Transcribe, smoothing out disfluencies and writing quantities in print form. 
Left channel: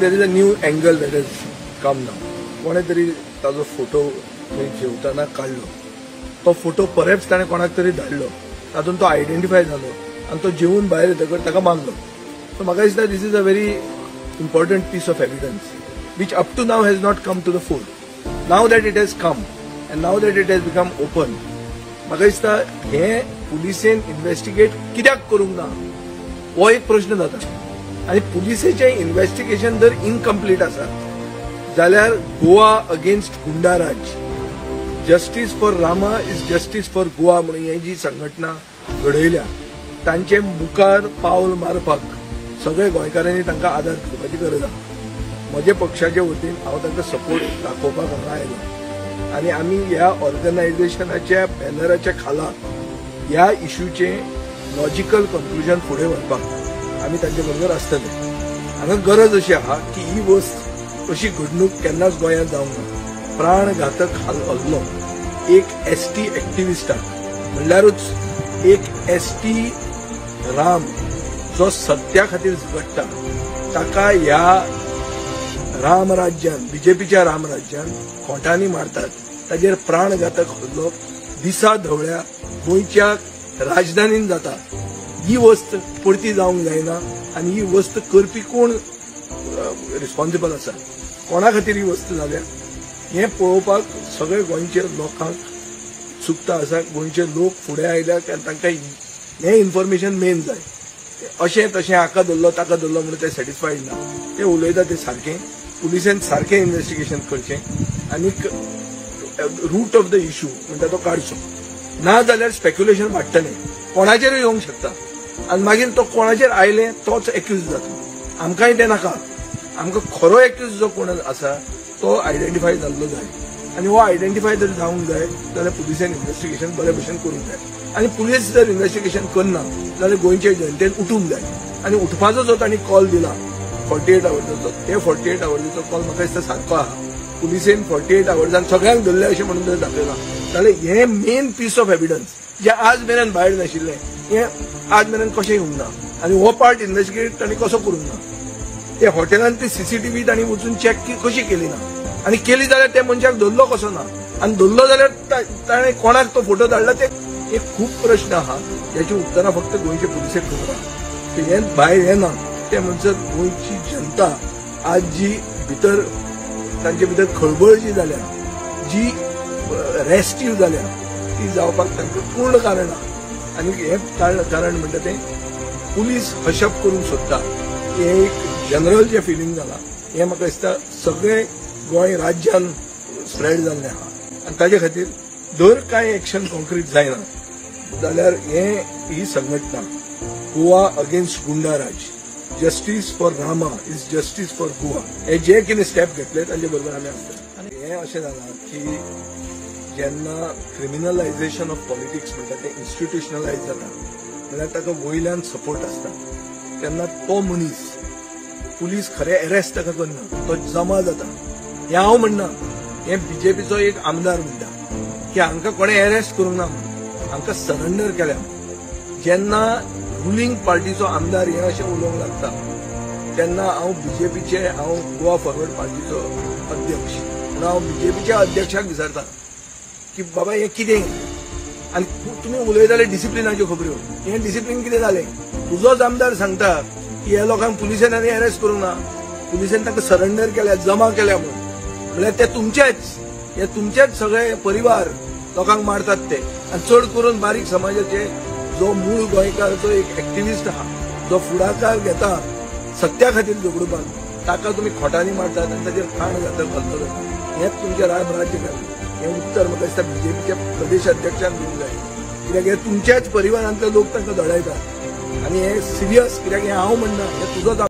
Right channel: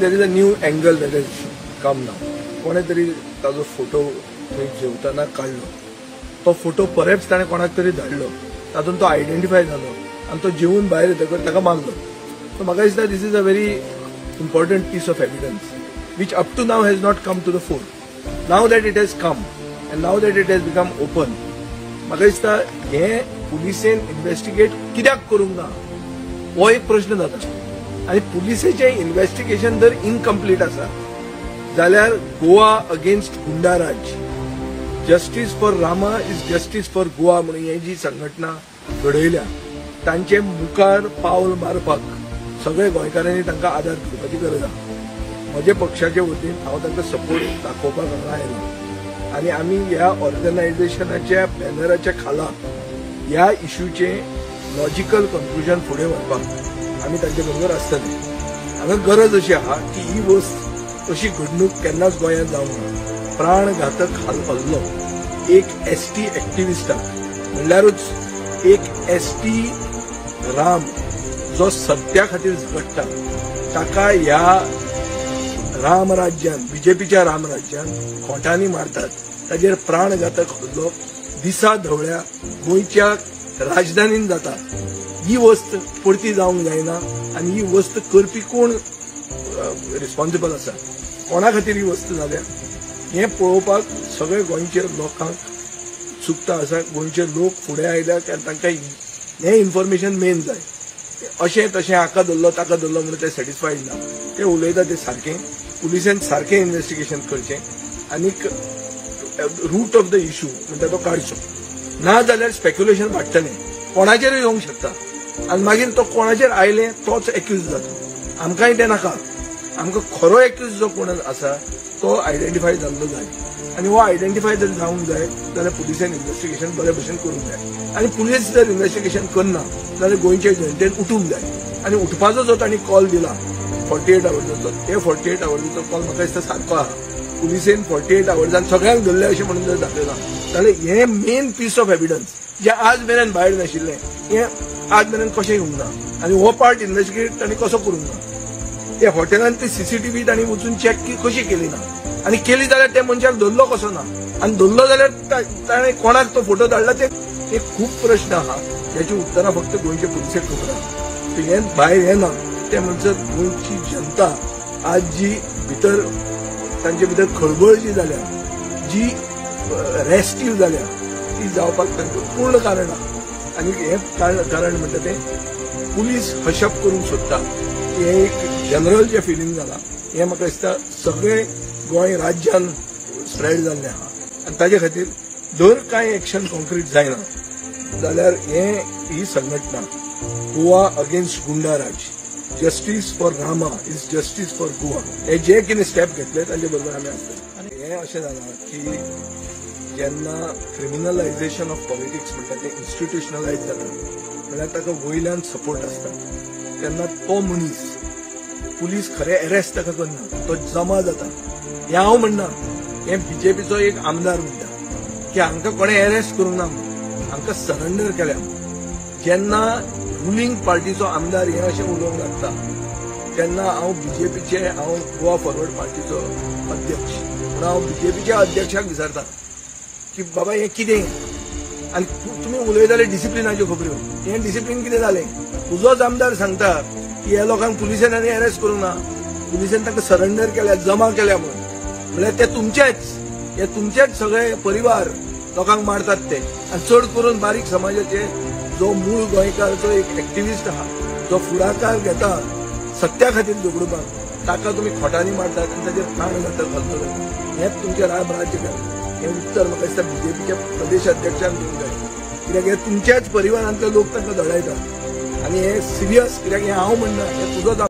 there is a new angle that has come now. कोणे तरी ताजो फोटो थंय जेवताना काडलो. तो फोटो परत ताणें कोणाक तरी धाडलो. तातूंत तो आयडेंटिफाय जालो आनी तो जेवून भायर येतकच ताका मारलो. So म्हाका दिसता this is a very important piece of evidence which up to now has not come to the fore. Now that it has come and now that it has become open, म्हाका दिसता हे पुलिसेन investigate कित्याक करूंक ना हो एक प्रश्न जाता. आणि पुलिसेचे इन्व्हेस्टिगेशन जर इनकम्प्लीट आसा जाल्यार Goa against goonda raj, justice for Rama is justice for Goa म्हणून ही जी संघटना घडयल्या तांचे मुखार पावल मारपाक सगळे गोंयकारांनी तांकां आदार करपाची गरज आसा. म्हज्या पक्षाच्या वतीन हांव तांकां सपोर्ट दाखोवपाक आयलो आनी आमी ह्या ऑर्गनायझेशनाच्या बॅनराच्या खाला ह्या इश्यूचे लॉजिकल कंक्लुजन फुडें व्हरपाक आमी तांचे बरोबर आसतले. हांगा गरज अशी आहा की ही वस्त अशी घडणूक केन्नाच गोंयांत जावंक ना. प्राणघातक हल्लो एक एसटी एक्टिविस्टा म्हणल्यारूच एक एसटी राम जो सत्या खातीर झगडटा ताका ह्या रामराज्यान बीजेपीच्या रामराज्यान खोटांनी मारतात. ताजेर प्राणघातक हल्लो दिसा ढवळ्या गोंयच्या राजधानीन जाता. ही वस्त परती जावंक जायना आनी ही वस्त करपी कोण रिस्पॉन्सिबल आसा, कोणा खातीर ही वस्त जाल्या हे पळोवपाक सगळे गोंयचे लोकांक उत्सुकता आसा. गोंयचे लोक फुडें आयल्या तांकां हें इन्फॉर्मेशन मेन जाय. अशें तशें हाका धरलो ताका धरलो म्हणून ते सॅटिस्फायड ना. ते उलयता ते सारकें पुलिसेन सारकें इन्व्हेस्टिगेशन करचें आनीक रूट ऑफ द इश्यू म्हणटा तो काडचो. ना जाल्यार स्पेक्युलेशन वाडटलें, कोणाचेरूय येवंक शकता आनी मागीर तो कोणाचेर आयले तोच एक्यूज जाता. आमकांय तें नाका. आमकां खरो एक्यूज जो कोण आसा तो आयडेंटिफाय जाल्लो जाय आनी हो आयडेंटिफाय जर जावंक जाय जाल्यार पुलिसेन इन्व्हेस्टिगेशन बरे भशेन करूंक जाय. आनी पुलीस जर इन्व्हेस्टिगेशन करना जाल्यार गोंयचे जनतेन उठूंक जाय. आनी उठपाचो जो तांणी कॉल दिला 48 आवर्साचो ते 48 आवर्साचो कॉल म्हाका दिसता सारको आहा. पुलिसेन 48 आवर्सान सगळ्यांक धरले अशें म्हणून जर दाखयना जाल्यार हे मेन पीस ऑफ एविडन्स जे आज मेरेन भायर नाशिल्ले हे आज मेरेन कशें येवंक ना. आनी हो पार्ट इन्व्हेस्टिगेट तांणी कसो करूंक ना. ते हॉटेलांत ती सीसीटीव्ही तांणी वचून चॅक कशी केली ना आनी केली जाल्यार त्या मनशाक धरलो कसो ना आनी धरलो जाल्यार ताणें कोणाक तो फोटो धाडला ते खूब प्रश्न आहा. त्याची उत्तरां फक्त गोंयचे पुलिसेक करतात. हे भायर येना ते म्हणजे गोंयची जनता आज जी भितर तांचे भितर खळबळ जी जाल्या, जी रेस्टिव जाल्या ती जावपाक तांकां पूर्ण कारण आहा. आनी हे कारण म्हणटा ते पुलीस हशप करूंक सोदता. हे एक जनरल जे फिलींग जालां हें म्हाका दिसता सगळे गोंय राज्यान स्प्रेड जाल्लें आहा. आनी ताजे खातीर जर कांय एक्शन कॉन्क्रीट जायना जाल्यार ही संघटना Goa against goonda raj, justice for Rama is justice for Goa हे जे कितें स्टेप घेतले ताजे बरोबर आमी आसता. आनी हें अशें जालां की जेन्ना क्रिमिनलायझेशन ऑफ पॉलिटिक्स म्हणटा तें इन्स्टिट्युशनलायज जाता म्हणजे ताका वयल्यान सपोर्ट आसता तेन्ना तो मनीस पुलीस खरें अरेस्ट ताका करना, तो जमा जाता. हें हांव म्हणना, हे बीजेपीचो एक आमदार म्हणटा की हांकां कोणें अरेस्ट करूंक ना, हांकां सरेंडर केल्या. जेन्ना रुलींग पार्टीचो आमदार हे अशें उलोवंक लागता तेन्ना हांव बीजेपीचे गोवा फॉरवर्ड पार्टीचो अध्यक्ष हांव बीजेपीच्या अध्यक्षाक विचारता की बाबा हें कितें आनी तुमी उलयता जाल्यार डिसिप्लिनाच्यो खबऱ्यो. हें डिसिप्लीन कितें जालें? तुजोच आमदार सांगता की ह्या लोकांक पुलिसेन आनी अरेस्ट करूंक ना, पुलिसेन तांकां सरेंडर केल्या, जमा केल्या म्हणल्यार ते तुमचेच सगळे परिवार लोकांक मारतात ते. आनी चड करून बारीक समाजाचे जो मूळ गोंयकारचो एक एक्टिविस्ट आहा जो फुडाकार घेता सत्या खातीर झगडपाक ताका तुमी खोटांनी मारतात आनी ताचेर काय जाता घालतले. हेच तुमचे राजकारण हें उत्तर म्हाका दिसता बीजेपीच्या प्रदेश अध्यक्षाक दिवंक जाय. कित्याक हे तुमच्याच परिवारांतले लोक ताका धडयतात आनी हे सिरियस. कित्याक हें हांव म्हणना, हें तुजोच